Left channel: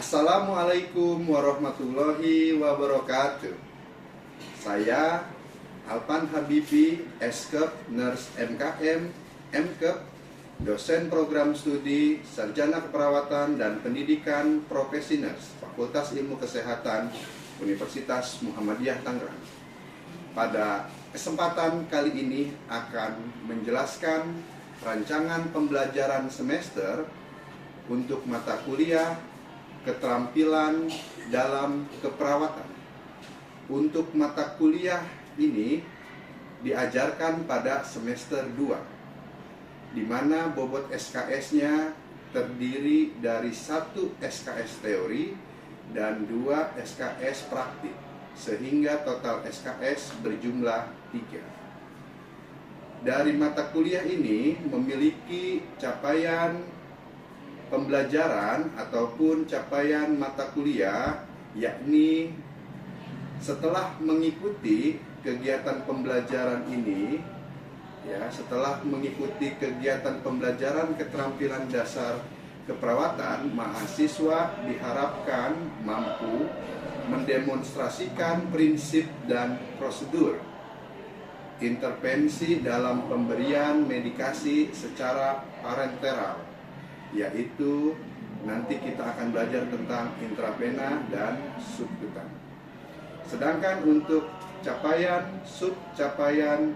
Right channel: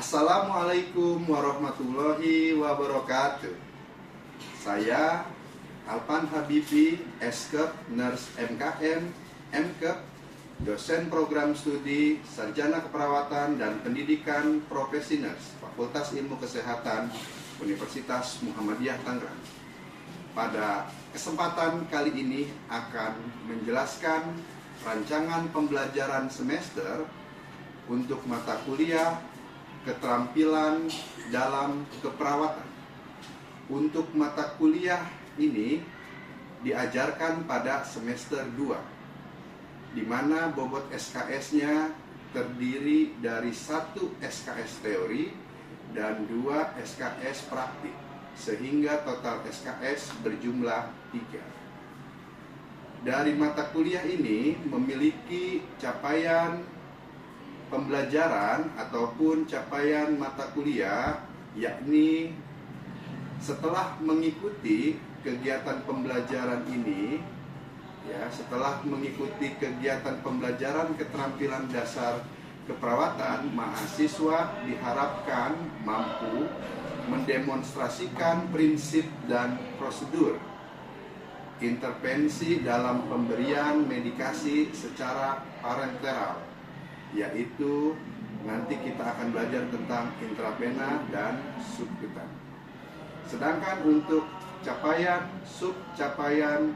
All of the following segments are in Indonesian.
Assalamualaikum warahmatullahi wabarakatuh. Saya Alpan Habibi, Eskep, Nurse MKM, MKep, dosen program studi Sarjana Keperawatan dan Pendidikan Profesi Nurse, Fakultas Ilmu Kesehatan, Universitas Muhammadiyah Tangerang. Pada kesempatan kali ini akan menjelaskan rancangan pembelajaran semester untuk mata kuliah keterampilan dalam keperawatan. Untuk mata kuliah ini diajarkan pada semester 2, di mana bobot SKS-nya terdiri dari 1 SKS teori dan 2 SKS praktik, sehingga total SKS berjumlah 3. Dari mata kuliah ini memiliki capaian pembelajaran ataupun capaian mata kuliah, yakni setelah mengikuti kegiatan pembelajaran ini, setelah mengikuti kegiatan pembelajaran keterampilan dasar keperawatan, mahasiswa diharapkan mampu mendemonstrasikan prinsip dan prosedur intervensi dalam pemberian medikasi secara parenteral, yaitu nanti kita akan belajar tentang intravena dan subkutan. Sedangkan untuk subcapaian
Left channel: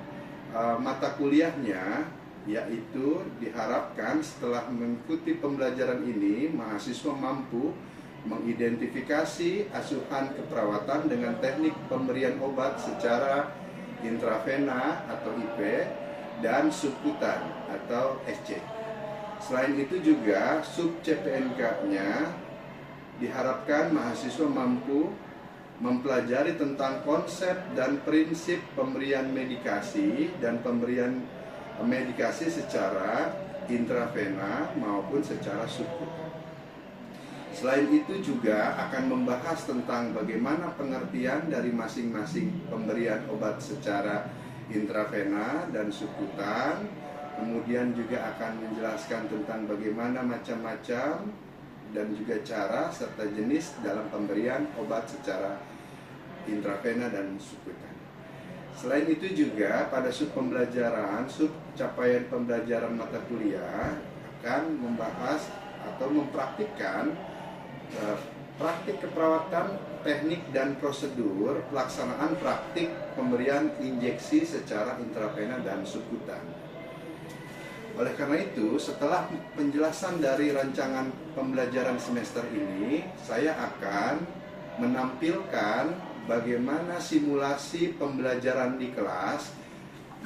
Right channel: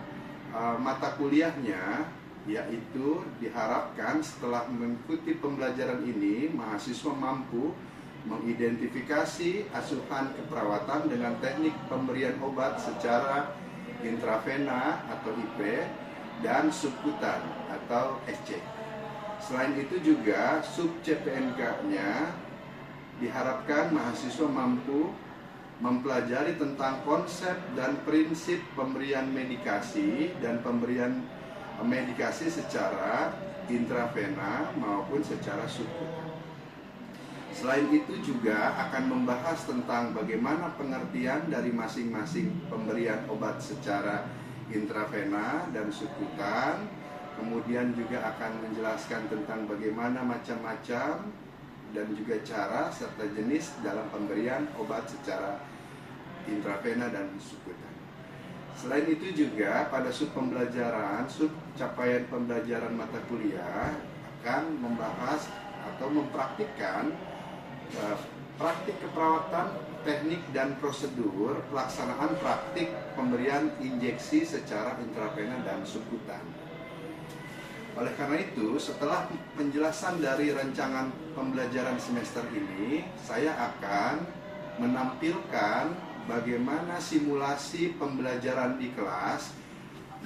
mata kuliahnya, yaitu diharapkan setelah mengikuti pembelajaran ini, mahasiswa mampu mengidentifikasi asuhan keperawatan dengan teknik pemberian obat secara intravena atau IP dan subkutan atau SC. Selain itu juga sub-CPNK-nya diharapkan mahasiswa mampu mempelajari tentang konsep dan prinsip pemberian medikasi dan pemberian medikasi secara intravena maupun secara subkutan. Selain itu juga akan membahas tentang bagaimana pengertian dari masing-masing pemberian obat secara intravena dan subkutan. Kemudian juga akan menjelaskan tentang bagaimana macam-macam dan juga cara serta jenis dalam pemberian obat secara intravena dan subkutan. Selain itu juga pada capaian pembelajaran mata kuliah akan membahas atau mempraktikkan praktik keperawatan, teknik dan prosedur pelaksanaan praktik pemberian injeksi secara intravena dan subkutan. Oleh karena itu, setelah penjelasan dari rancangan pembelajaran semester ini, saya akan menampilkan bagaimana simulasi pembelajaran di kelas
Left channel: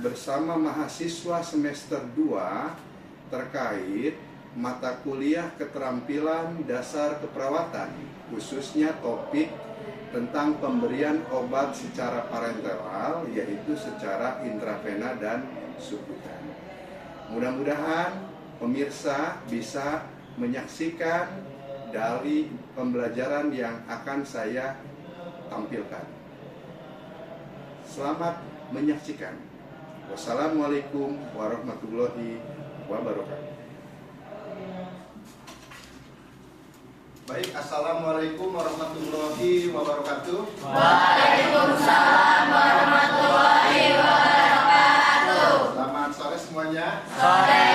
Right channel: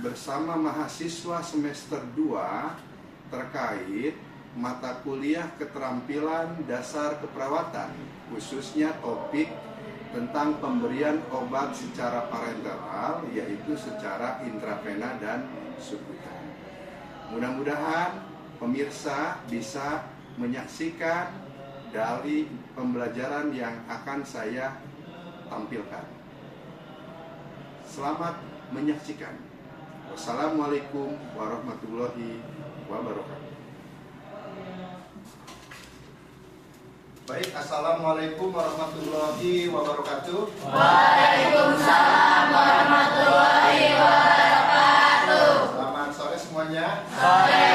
bersama mahasiswa semester 2 terkait mata kuliah keterampilan dasar keperawatan, khususnya topik tentang pemberian obat secara parenteral, yaitu secara intravena dan subkutan. Mudah-mudahan pemirsa bisa menyaksikan dari pembelajaran yang akan saya tampilkan. Selamat menyaksikan. Wassalamualaikum warahmatullahi wabarakatuh. Baik, assalamualaikum warahmatullahi wabarakatuh. Waalaikumsalam warahmatullahi wabarakatuh. Selamat sore semuanya. Sore.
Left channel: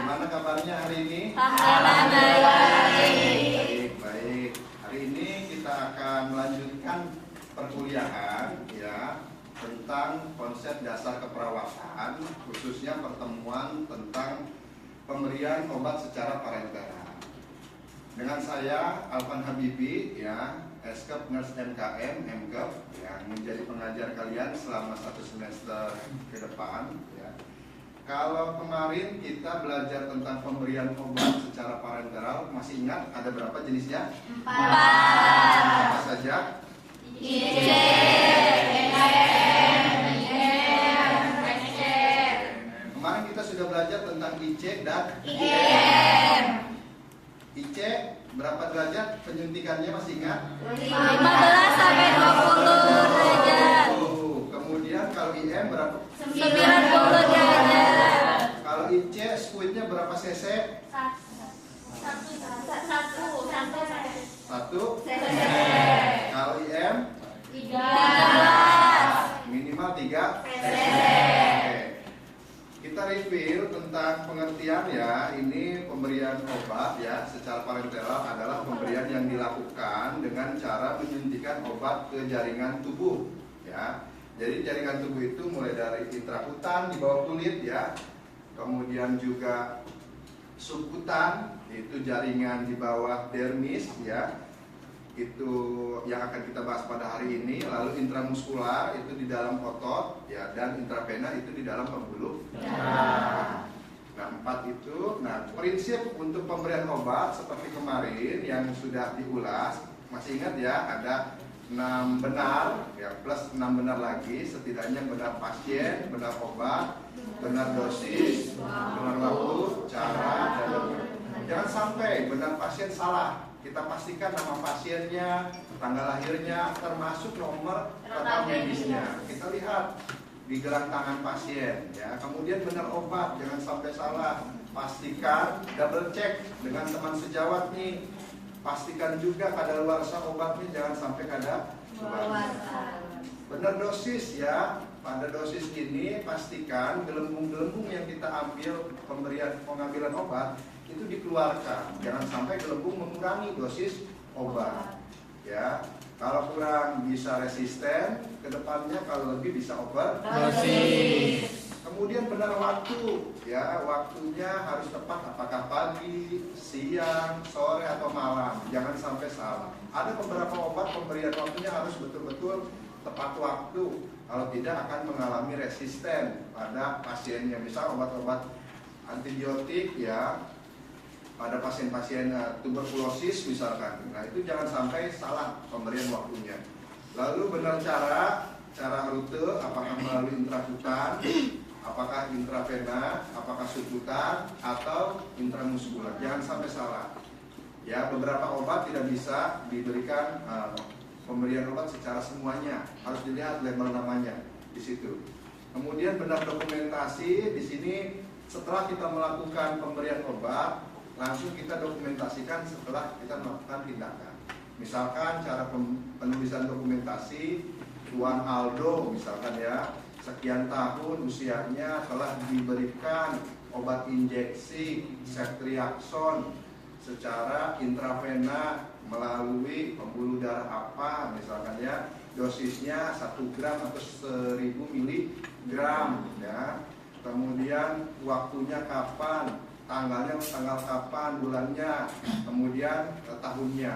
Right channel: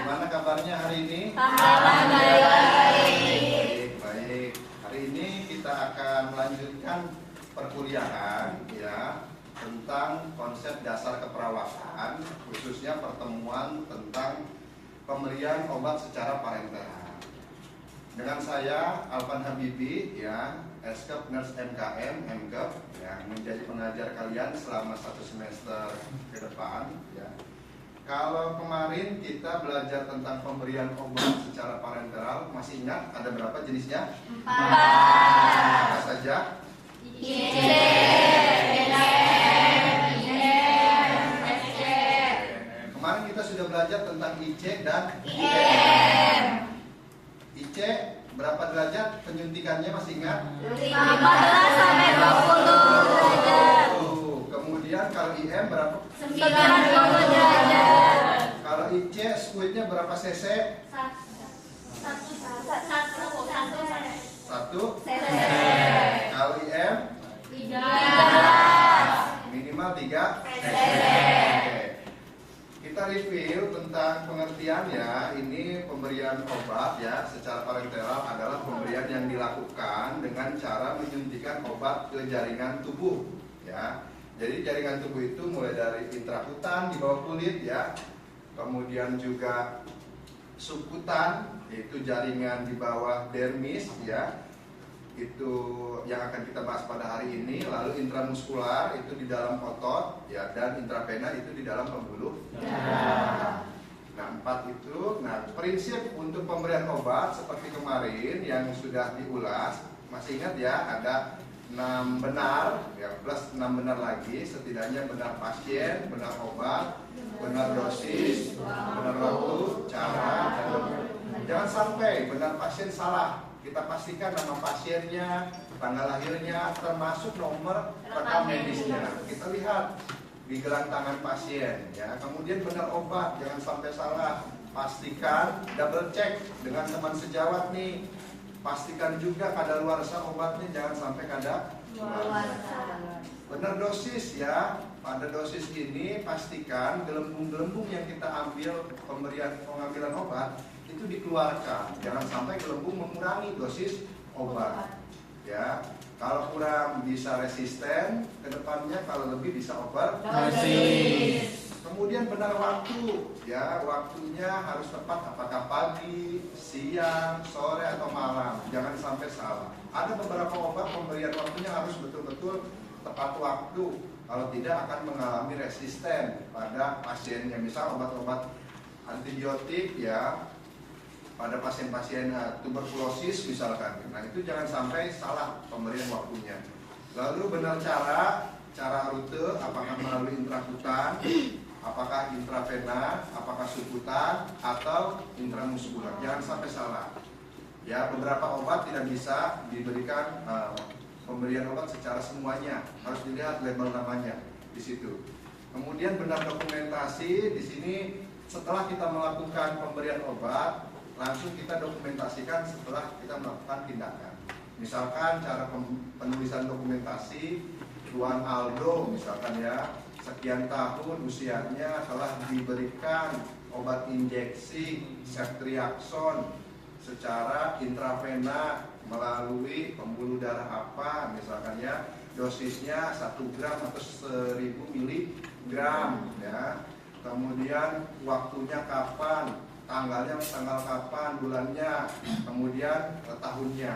Gimana kabarnya hari ini? Alhamdulillah baik. Baik. Hari ini kita akan melanjutkan perkuliahan tentang konsep dasar keperawatan, khususnya pertemuan tentang pemberian obat secara parenteral. Dengan saya Alpan Habibi, Eskep Nurse MKM, MKep, yang menjadi pengajar kalian selama 1 semester ke depan. Kalau kemarin kita belajar tentang pemberian obat secara parenteral, masih ingat ada berapa jenisnya? 4. Apa saja? Kemarin kita sudah belajar tentang IC dan IM. IC berapa derajat penyuntikannya, masih ingat? 15 sampai 20 derajat. Kemudian kalau IM berapa? 90 derajat. Kalau IC squidnya berapa cc? 1. pemberian obat ya secara parenteral adalah pemberian yang dilakukan dengan cara menyuntikkan obat ke jaringan tubuh ya. Jadi jaringan tubuh itu mulai dari intrakutan di bawah kulit ya, kemudian juga subkutan yaitu jaringan di bawah dermis ya, itu yang akan kita bahas pada hari ini. Lalu intramuskular itu di dalam otot ya, dan intravena itu di dalam pembuluh darah. Nah, 4 itu. Nah, prinsip untuk pemberian obat seperti kemarin yang sudah diulas, masih ingat ya, ada 6 benar ya, plus 6 benar lagi, setidaknya benar pasien, benar obat, benar dosis, benar waktu, cara, dan benar. Jangan sampai benar pasien salah. Kita pastikan nama pasiennya, tanggal lahirnya, termasuk nomor rekam medisnya. Kita lihat di gelang tangan pasien ya. Kemudian benar obat, jangan sampai salah. Pastikan, double check dengan teman sejawat nih. Pastikan juga kadaluarsa obatnya, jangan sampai kadaluarsa. Benar dosis ya. Pada dosis ini pastikan gelembung-gelembung yang kita ambil pengambilan obat itu dikeluarkan. Jangan sampai gelembung mengurangi dosis obat. Ya, kalau kurang bisa resisten, kedepannya kalau lebih bisa overdosis. Kemudian benar waktu, ya waktunya harus tepat, apakah pagi, siang, sore atau malam. Jangan sampai salah. Ada beberapa obat pemberian waktunya harus betul-betul tepat waktu. Kalau tidak akan mengalami resisten pada pasiennya. Misal obat-obat antibiotik ya, pada pasien-pasien tuberkulosis misalkan. Nah, itu jangan sampai salah pemberian waktunya. Lalu benar cara rute, apakah melalui intrakutan, apakah intravena, apakah subkutan, atau intramuskular. Jangan sampai salah. Ya, beberapa obat tidak bisa diberikan pemberian obat secara semuanya, harus dilihat label namanya di situ. Kemudian benar dokumentasi di sini setelah kita melakukan pemberian obat, langsung kita dokumentasikan setelah kita melakukan tindakan. Misalkan cara penulisan dokumentasi, Tuan Aldo misalkan ya, sekian tahun usianya telah diberikan obat injeksi ceftriaxone secara intravena melalui pembuluh darah apa misalkan ya, dosisnya 1 gram atau 1000 miligram ya. Kemudian waktunya kapan, tanggal kapan, bulannya, kemudian tahunnya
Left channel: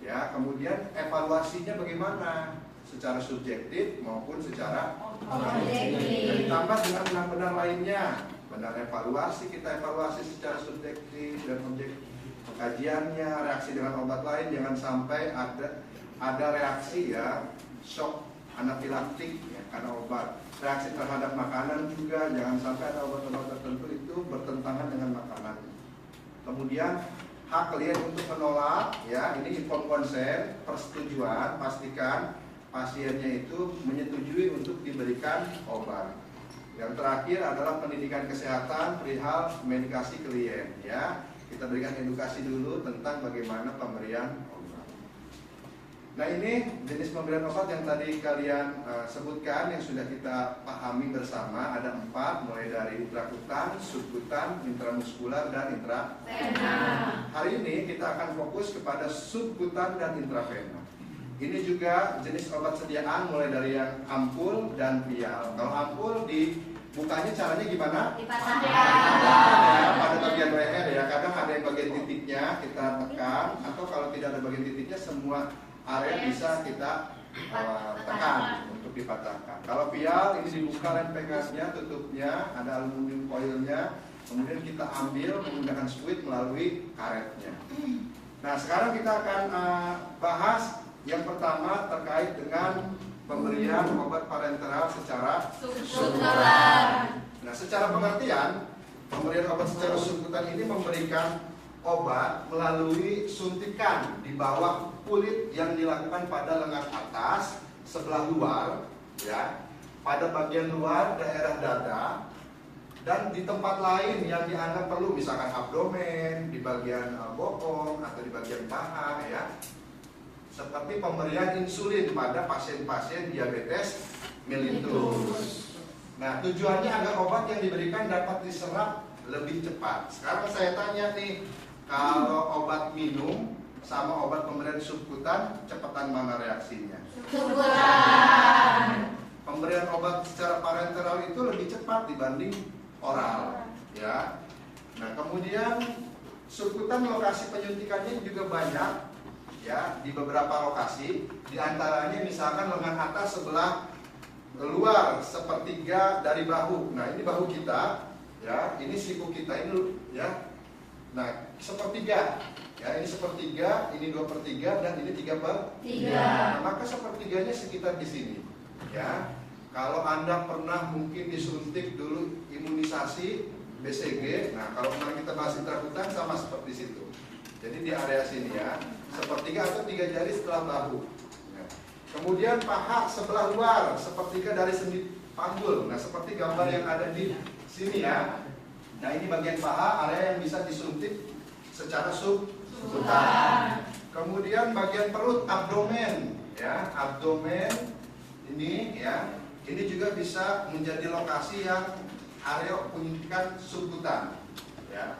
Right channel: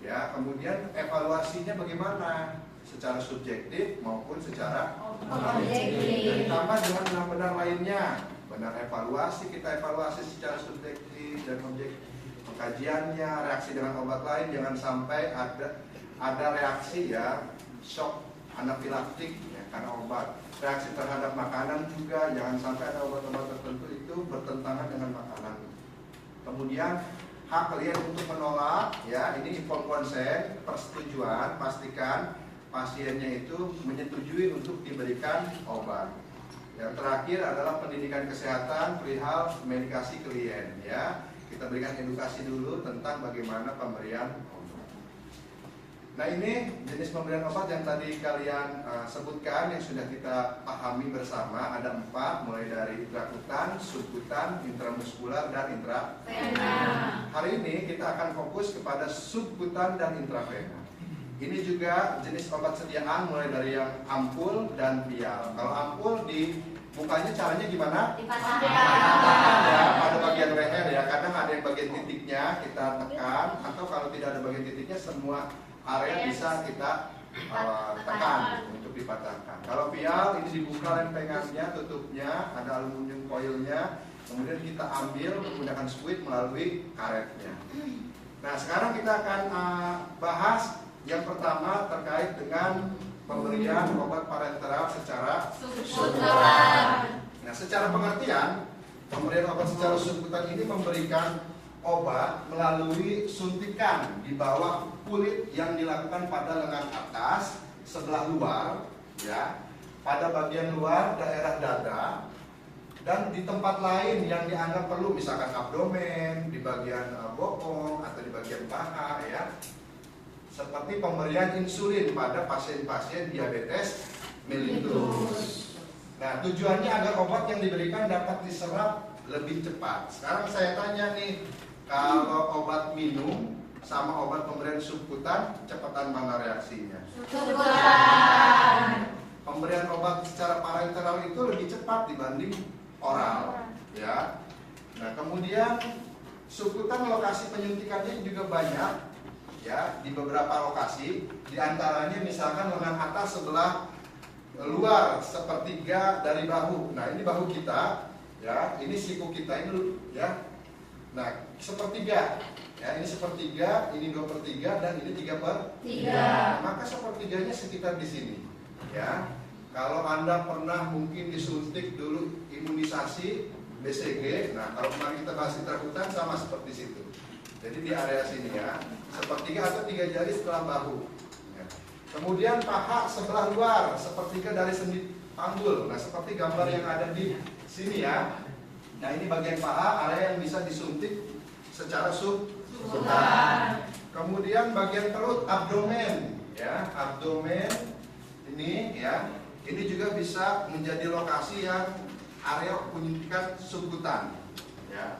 ya. Kemudian evaluasinya bagaimana, secara subjektif maupun secara objektif. Dan ditambah dengan benar-benar lainnya. Benar evaluasi, kita evaluasi secara subjektif dan objektif. Kajiannya, reaksi dengan obat lain, jangan sampai ada reaksi ya, shock anafilaktik ya, karena obat. Reaksi terhadap makanan juga, jangan sampai ada obat-obat tertentu itu bertentangan dengan makanan. Kemudian hak klien untuk menolak ya, ini informed consent, persetujuan, pastikan pasiennya itu menyetujui untuk diberikan obat. Yang terakhir adalah pendidikan kesehatan perihal medikasi klien ya. Kita berikan edukasi dulu tentang bagaimana pemberian obat. Nah, ini jenis pemberian obat yang tadi kalian sebutkan yang sudah kita pahami bersama. Ada 4, mulai dari intrakutan, subkutan, intramuskular, dan intravena. Hari ini kita akan fokus kepada subkutan dan intravena. Ini juga jenis obat sediaan mulai dari yang ampul dan vial. Kalau ampul bukanya caranya gimana? Dipasangkan ya, pada bagian leher ya. Kadang ada yang bagian titiknya kita tekan, atau kalau tidak ada bagian titiknya semua area bisa kita tekan untuk dipatahkan. Kalau vial ini dibuka dan pengasnya, tutupnya ada aluminium foilnya, kemudian kita ambil menggunakan squid melalui karetnya. Nah, sekarang kita akan bahas yang pertama terkait dengan pemberian obat parenteral secara subkutan. Nah, secara pengertian, pemberian obat secara subkutan ini memberikan obat melalui suntikan di bawah kulit yang dilakukan pada lengan atas sebelah luar, ya, pada bagian luar daerah dada, dan di tempat lain yang dianggap perlu, misalkan abdomen, di bagian bokong atau di bagian paha, ya. Seperti pemberian insulin pada pasien-pasien diabetes mellitus. Nah, tujuannya agar obat yang diberikan dapat diserap lebih cepat. Sekarang saya tanya nih, kalau obat minum sama obat pemberian subkutan, cepatan mana reaksinya? Subkutan. Pemberian obat secara parenteral itu lebih cepat dibanding oral, ya. Nah, kemudian subkutan lokasi penyuntikannya juga banyak, ya, di beberapa lokasi. Di antaranya misalkan lengan atas sebelah luar sepertiga dari bahu. Nah, ini bahu kita, ya, ini siku kita ini, ya. Nah, sepertiga, ya, ini sepertiga, ini 2/3 dan ini 3/3. Nah, maka sepertiganya sekitar di sini, ya. Kalau Anda pernah mungkin disuntik dulu imunisasi BCG, nah kalau kemarin kita bahas intrakutan sama seperti situ. Jadi di area sini, ya, sepertiga atau 3 jari setelah bahu. Ya. Kemudian paha sebelah luar, sepertiga dari sendi panggul. Nah, seperti gambar yang ada di sini, ya. Nah, ini bagian paha, area yang bisa disuntik secara subkutan. Kemudian bagian perut, abdomen, ya, abdomen ini, ya, ini juga bisa menjadi lokasi yang area penyuntikan subkutan, ya.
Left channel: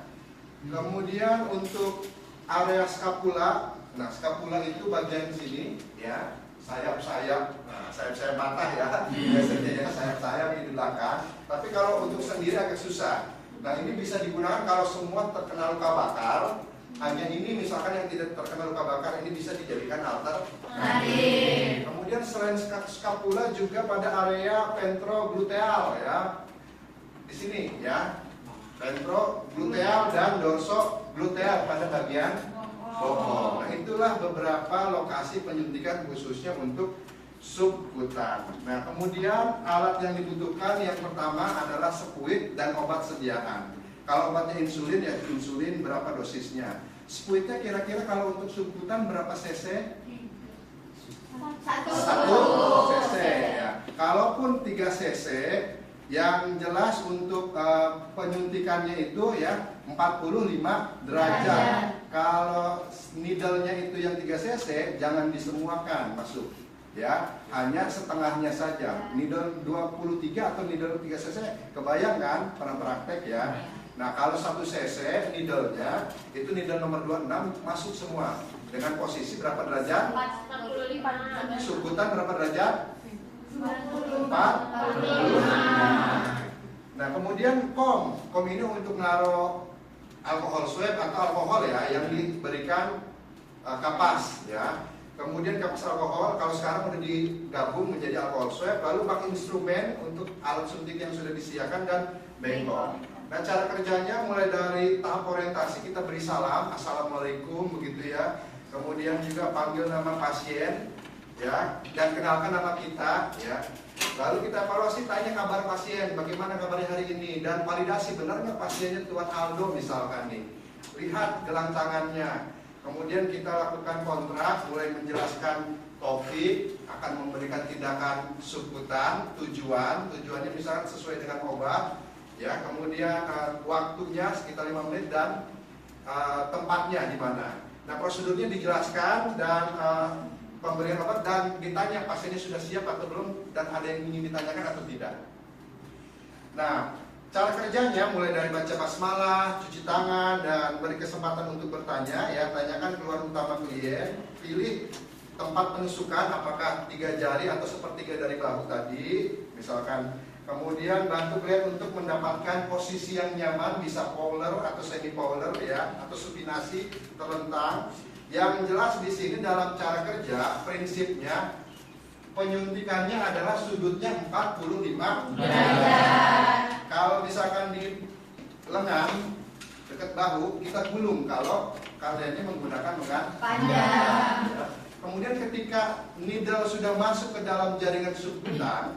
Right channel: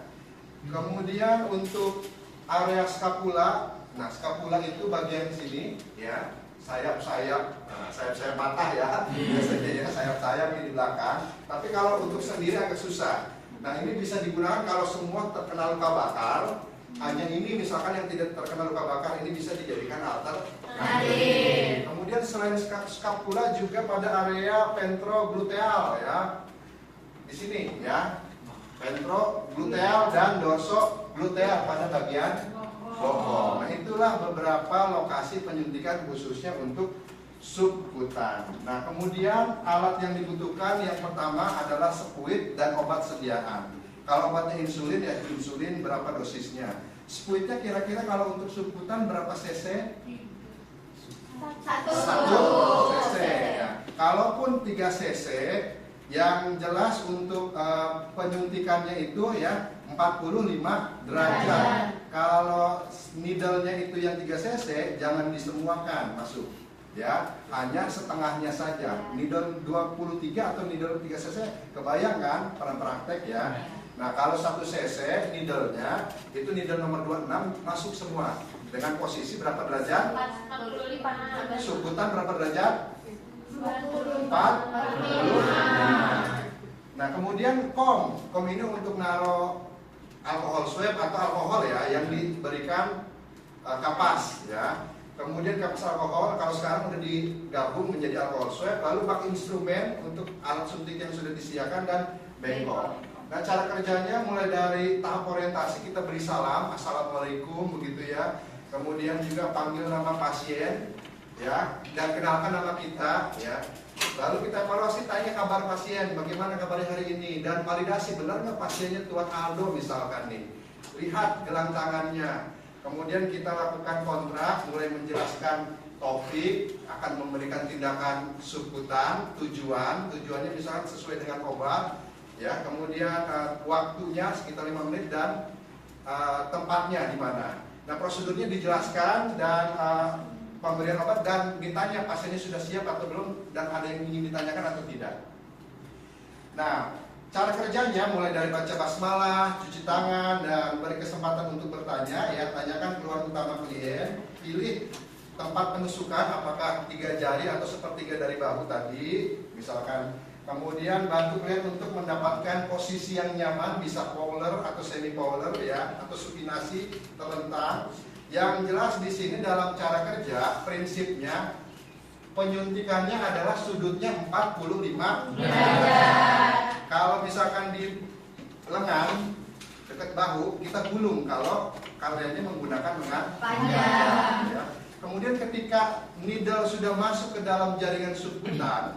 Kemudian untuk area skapula, nah skapula itu bagian sini, ya, sayap-sayap, sayap-sayap patah, ya, biasanya, ya, sayap-sayap di belakang. Tapi kalau untuk sendiri agak susah. Nah, ini bisa digunakan kalau semua terkena luka bakar. Hanya ini misalkan yang tidak terkena luka bakar, ini bisa dijadikan alternatif. Kemudian selain skapula juga pada area ventrogluteal, ya, di sini, ya, ventrogluteal dan dorsogluteal pada bagian bokong. Nah, itulah beberapa lokasi penyuntikan khususnya untuk subkutan. Nah, kemudian alat yang dibutuhkan yang pertama adalah spuit dan obat sediaan. Kalau obatnya insulin, ya insulin berapa dosisnya. Spuitnya kira-kira kalau untuk subkutan berapa cc? 1 cc, ya. Kalaupun 3 cc, yang jelas untuk penyuntikannya itu, ya, 45 derajat. Kalau needle-nya itu yang 3 cc, jangan disemuakan masuk, ya, hanya setengahnya saja. Needle 23 atau needle 3 cc, kebayang kan pernah praktek, ya. Nah, kalau 1 cc needle-nya itu needle nomor 26 masuk semua dengan posisi berapa derajat? 45. Subkutan berapa derajat? 45. Nah, kemudian kom ini untuk naruh alkohol swab atau alkohol, ya, yang diberikan kapas, ya. Kemudian kapas alkohol kalau sekarang sudah digabung menjadi alkohol swab, lalu pakai instrumen untuk alat suntik yang sudah disediakan dan bengkok. Nah, cara kerjanya mulai dari tahap orientasi kita beri salam, assalamualaikum, begitu, ya. Kemudian juga panggil nama pasien, ya, dan kenalkan nama kita, ya. Lalu kita evaluasi, tanya kabar pasien, bagaimana kabarnya hari ini, dan validasi benar nggak pasiennya Tuan Aldo misalkan nih. Lihat gelang tangannya. Kemudian kita lakukan kontrak, mulai menjelaskan topik, akan memberikan tindakan subkutan, tujuannya misalkan sesuai dengan obat, ya. Kemudian waktunya sekitar 5 menit dan tempatnya di mana. Nah, prosedurnya dijelaskan dan pemberian obat, dan ditanya pasiennya sudah siap atau belum, dan ada yang ingin ditanyakan atau tidak. Nah, cara kerjanya mulai dari baca basmalah, cuci tangan, dan beri kesempatan untuk bertanya, ya. Tanyakan keluhan utama klien, pilih tempat penusukan, apakah 3 jari atau sepertiga dari bahu tadi, misalkan. Kemudian bantu klien untuk mendapatkan posisi yang nyaman, bisa polar atau semi polar, ya, atau supinasi terlentang. Yang jelas di sini dalam cara kerja prinsipnya penyuntikannya adalah sudutnya 45 derajat. Kalau misalkan di lengan dekat bahu kita gulung kalau kaliannya menggunakan lengan panjang. Ya. Kemudian ketika needle sudah masuk ke dalam jaringan subkutan,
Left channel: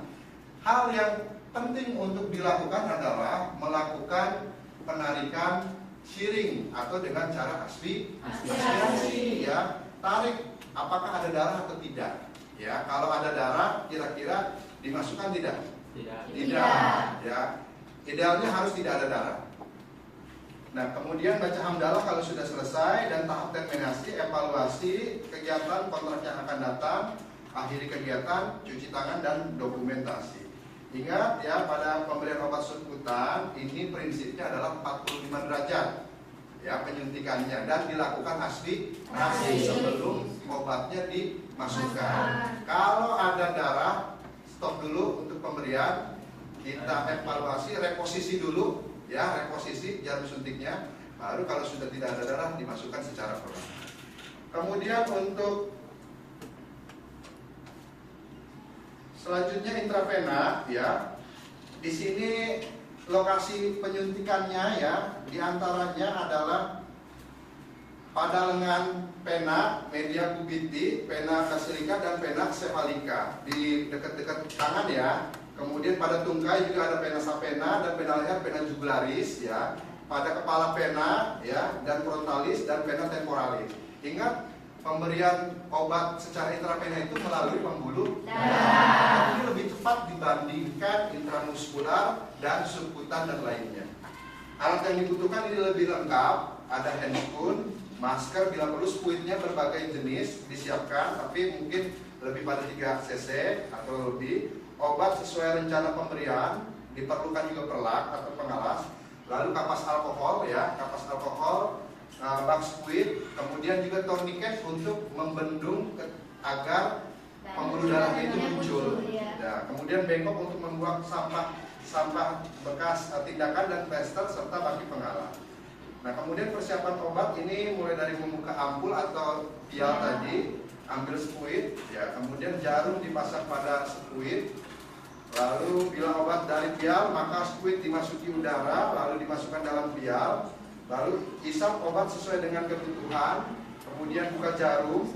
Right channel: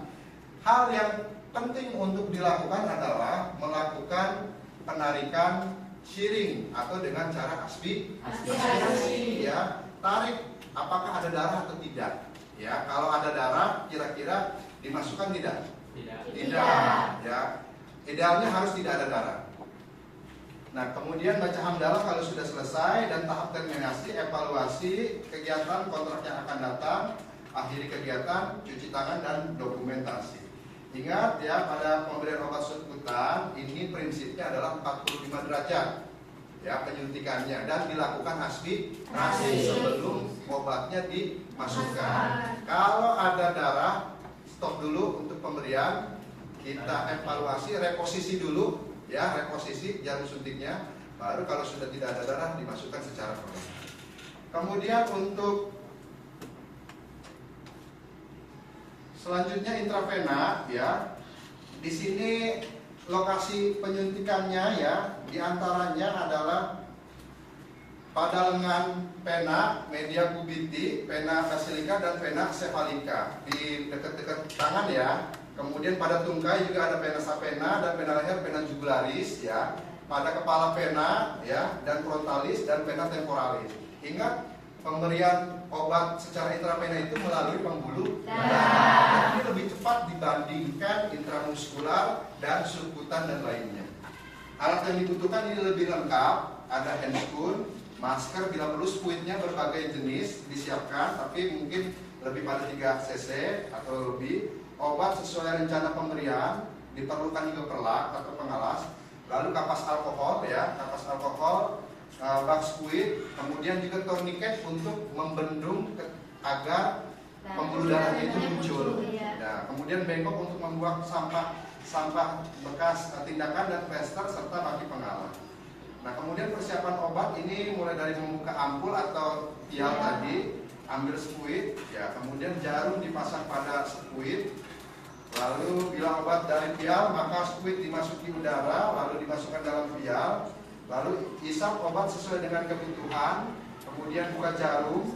hal yang penting untuk dilakukan adalah melakukan penarikan shearing atau dengan cara aspirasi, ya. Tarik apakah ada darah atau tidak, ya. Kalau ada darah kira-kira dimasukkan tidak? Tidak, ya. Idealnya harus tidak ada darah. Nah, kemudian baca hamdalah kalau sudah selesai, dan tahap terminasi, evaluasi kegiatan kontrak yang akan datang, akhiri kegiatan, cuci tangan, dan dokumentasi. Ingat ya, pada pemberian obat subkutan ini prinsipnya adalah 45 derajat ya penyuntikannya, dan dilakukan asli sebelum obatnya dimasukkan. Kalau ada darah, stop dulu untuk pemberian, kita evaluasi, reposisi dulu ya, reposisi jarum suntiknya, baru kalau sudah tidak ada darah dimasukkan secara perlahan. Kemudian untuk selanjutnya intravena ya. Di sini lokasi penyuntikannya ya, diantaranya adalah pada lengan pena media kubiti, pena basilika, dan pena cephalika di dekat-dekat tangan ya. Kemudian pada tungkai juga ada pena sapena, dan pena leher pena jugularis ya. Pada kepala pena ya, dan frontalis, dan pena temporalis. Ingat, pemberian obat secara intravena itu melalui pembuluh darah. Ini lebih cepat dibandingkan intramuskular dan subkutan dan lainnya. Alat yang dibutuhkan ini lebih lengkap, ada handscoon, masker, bila perlu spuitnya berbagai jenis disiapkan, tapi mungkin lebih pada 3 cc atau lebih. Obat sesuai rencana pemberian, diperlukan juga perlak atau pengalas, lalu kapas alkohol ya, kapas alkohol, bak spuit, kemudian juga tourniquet untuk membendung agar pembuluh darahnya itu muncul. Ya, kemudian bengkok untuk membuang sampah bekas tindakan, dan plester serta baki pengalas. Nah, kemudian persiapan obat ini mulai dari membuka ampul atau vial tadi, ambil spuit, ya, kemudian jarum dipasang pada spuit. Lalu bila obat dari vial, maka spuit dimasuki udara, lalu dimasukkan dalam vial. Lalu isap obat sesuai dengan kebutuhan, kemudian buka jarum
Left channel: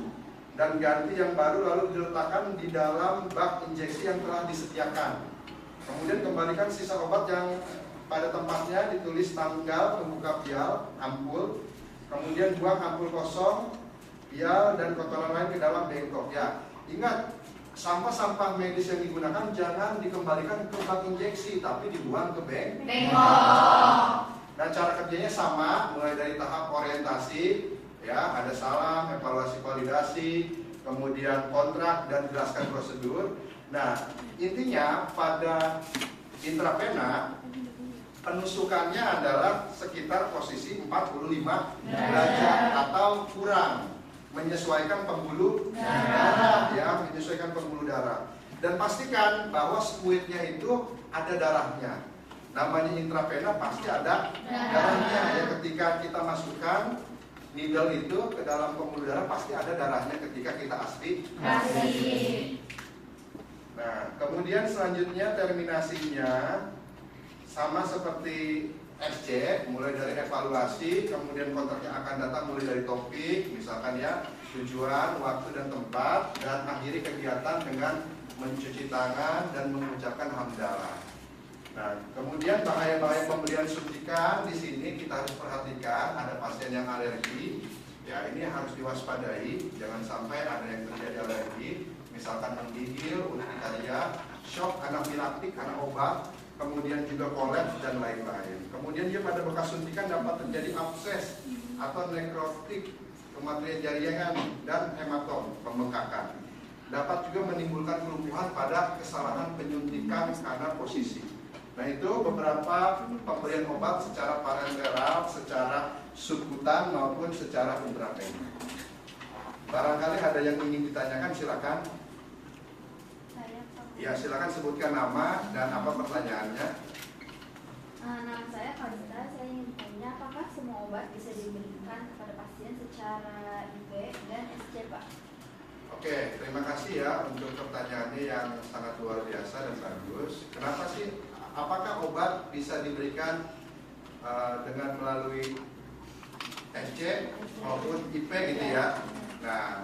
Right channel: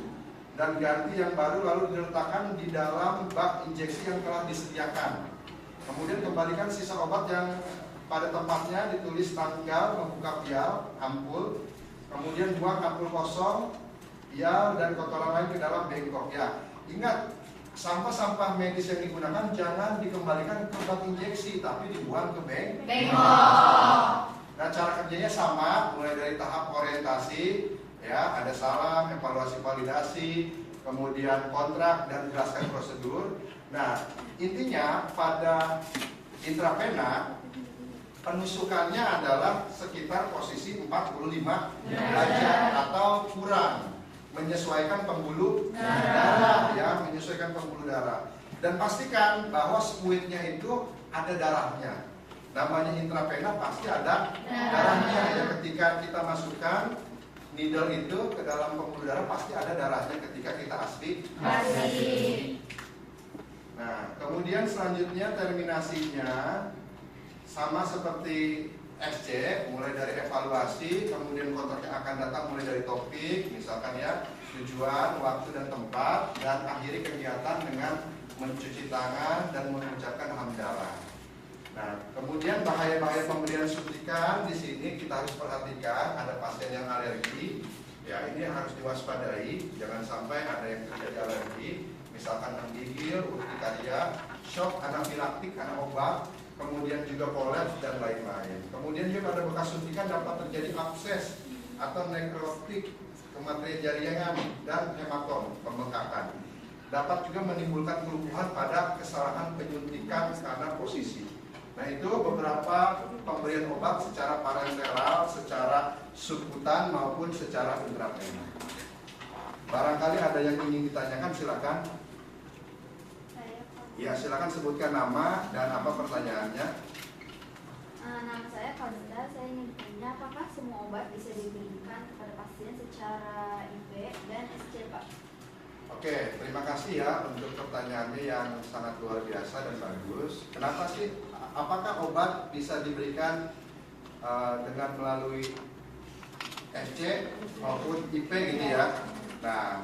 dan ganti yang baru, lalu diletakkan di dalam bak injeksi yang telah disediakan. Kemudian kembalikan sisa obat yang pada tempatnya, ditulis tanggal membuka vial, ampul, kemudian buang ampul kosong, vial dan kotoran lain ke dalam bengkok. Ya, ingat, sampah-sampah medis yang digunakan jangan dikembalikan ke bak injeksi, tapi dibuang ke bengkok. Nah, cara kerjanya sama, mulai dari tahap orientasi, ya, ada salam, evaluasi validasi, kemudian kontrak, dan jelaskan prosedur. Nah, intinya pada intravena penusukannya adalah sekitar posisi 45 derajat atau kurang, menyesuaikan pembuluh darah, ya, menyesuaikan pembuluh darah. Dan pastikan bahwa spuitnya itu ada darahnya. Namanya intravena pasti ada darahnya ya, ketika kita masukkan needle itu ke dalam pembuluh darah pasti ada darahnya ketika kita asli. Nah, kemudian selanjutnya terminasinya sama seperti SC, mulai dari evaluasi, kemudian kontrak yang akan datang mulai dari topik, misalkan ya, tujuan, waktu dan tempat, dan akhiri kegiatan dengan mencuci tangan dan mengucapkan hamdalah. Nah, kemudian bahaya-bahaya pemberian suntikan di sini kita harus perhatikan. Ada pasien yang alergi, ya ini yang harus diwaspadai. Jangan sampai ada yang terjadi alergi, misalkan menggigil, urtikaria, shock anafilaktik karena obat, kemudian juga kolaps dan lain-lain. Kemudian juga pada bekas suntikan dapat terjadi abses atau nekrotik kematian jaringan dan hematom, pembengkakan. Dapat juga menimbulkan kelumpuhan pada kesalahan penyuntikan karena posisi. Nah, itu beberapa pemberian obat secara parenteral, secara subkutan maupun secara intravena. Barangkali ada yang ingin ditanyakan, silakan. Ya, silakan sebutkan nama dan apa pertanyaannya. Nama saya Fadita, saya ingin bertanya apakah semua obat bisa diberikan kepada pasien secara IV dan SC, Pak? Oke, terima kasih ya untuk pertanyaannya yang sangat luar biasa dan bagus. Kenapa sih? Apakah obat bisa diberikan dengan melalui SC maupun IP gitu ya? Nah,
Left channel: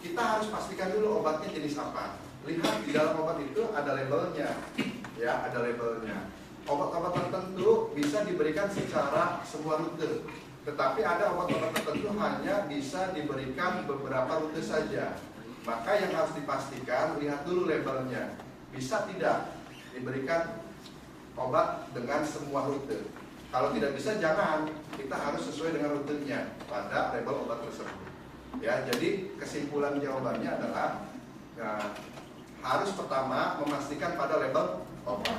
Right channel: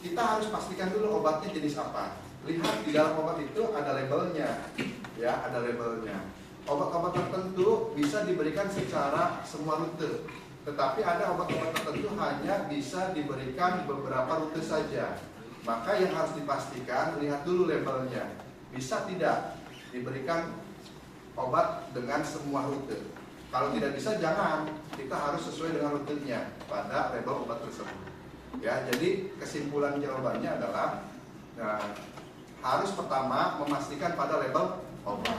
kita harus pastikan dulu obatnya jenis apa. Lihat di dalam obat itu ada labelnya, ya, ada labelnya. Obat-obat tertentu bisa diberikan secara semua rute, tetapi ada obat-obat tertentu hanya bisa diberikan beberapa rute saja. Maka yang harus dipastikan, lihat dulu labelnya. Bisa tidak diberikan obat dengan semua rute. Kalau tidak bisa, jangan. Kita harus sesuai dengan rutenya pada label obat tersebut. Ya, jadi kesimpulan jawabannya adalah ya, harus pertama memastikan pada label obat.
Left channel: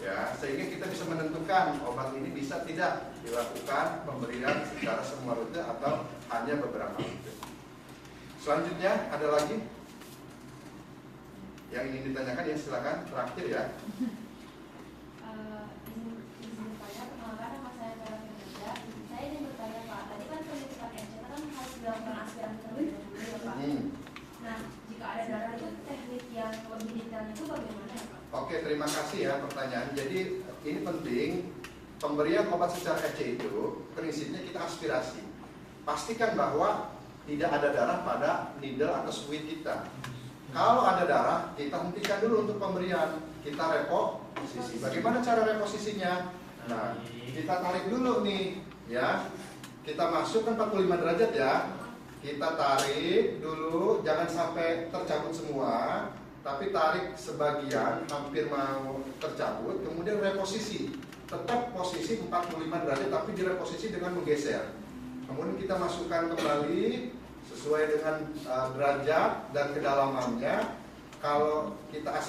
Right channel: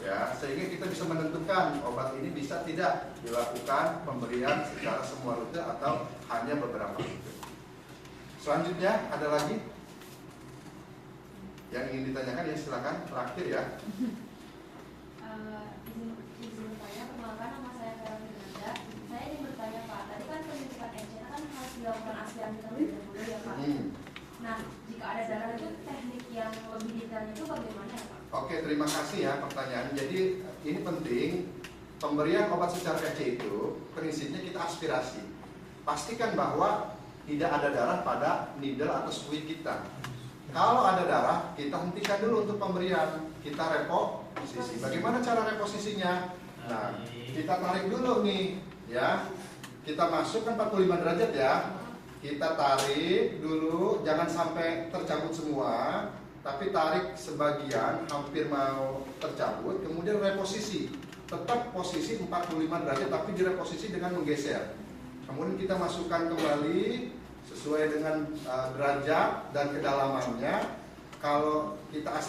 Ya, sehingga kita bisa menentukan obat ini bisa tidak dilakukan pemberian secara semua rute atau hanya beberapa rute. Selanjutnya ada lagi yang ingin ditanyakan, ya silakan terakhir ya. Izin bertanya, kenalkan nama saya Farah Firda. Saya ingin bertanya Pak, tadi kan penyuntikan NC kan harus dilakukan aspirasi terlebih dahulu ya Pak. Nah, jika ada darah itu teknik yang lebih detail itu bagaimana ya Pak? Oke, terima kasih ya pertanyaan. Jadi ini penting, pemberian obat secara FC itu prinsipnya kita aspirasi. Pastikan bahwa tidak ada darah pada needle atau suit kita. Kalau ada darah, kita hentikan dulu untuk pemberian. Kita reposisi. Bagaimana cara reposisinya? Nah, kita tarik dulu nih, ya. Kita masukkan 45 derajat ya. Kita tarik dulu, jangan sampai tercabut semua, tapi tarik sebagian, hampir mau tercabut, kemudian reposisi. Tetap posisi 45 derajat, tapi direposisi dengan menggeser. Kemudian kita masukkan kembali sesuai dengan derajat dan kedalamannya. Kalau kita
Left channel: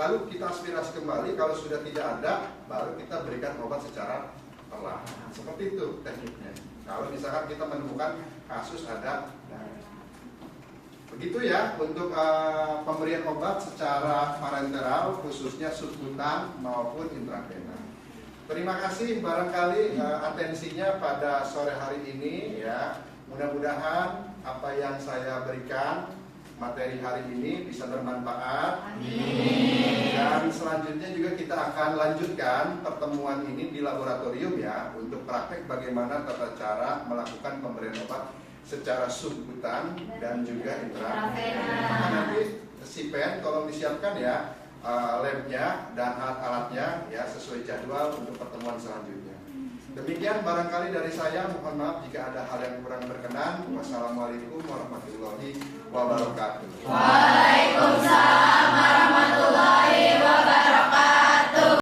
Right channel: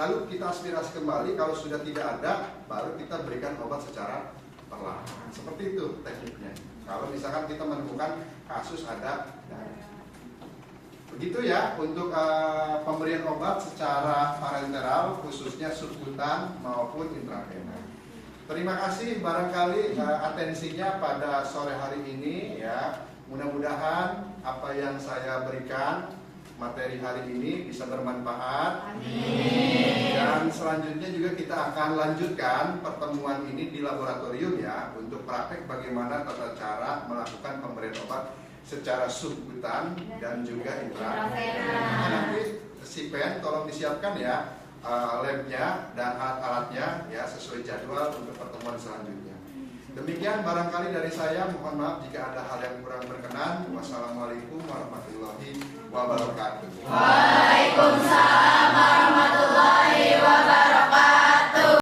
lalu kita aspirasi kembali. Kalau sudah tidak ada, baru kita berikan obat secara perlahan. Seperti itu tekniknya. Kalau misalkan kita menemukan kasus ada darah. Begitu ya untuk pemberian obat secara parenteral, khususnya subkutan maupun intravena. Terima kasih barangkali atensinya pada sore hari ini ya. Mudah-mudahan apa yang saya berikan materi hari ini bisa bermanfaat. Amin. Dan selanjutnya juga kita akan lanjutkan pertemuan ini di laboratorium ya, untuk praktek bagaimana tata cara melakukan pemberian obat secara subkutan dan juga intravena. Nanti si pen tolong disiapkan ya labnya dan alat-alatnya ya sesuai jadwal untuk pertemuan selanjutnya. Demikian barangkali dari saya, mohon maaf jika ada hal yang kurang berkenan. Wassalamualaikum warahmatullahi wabarakatuh.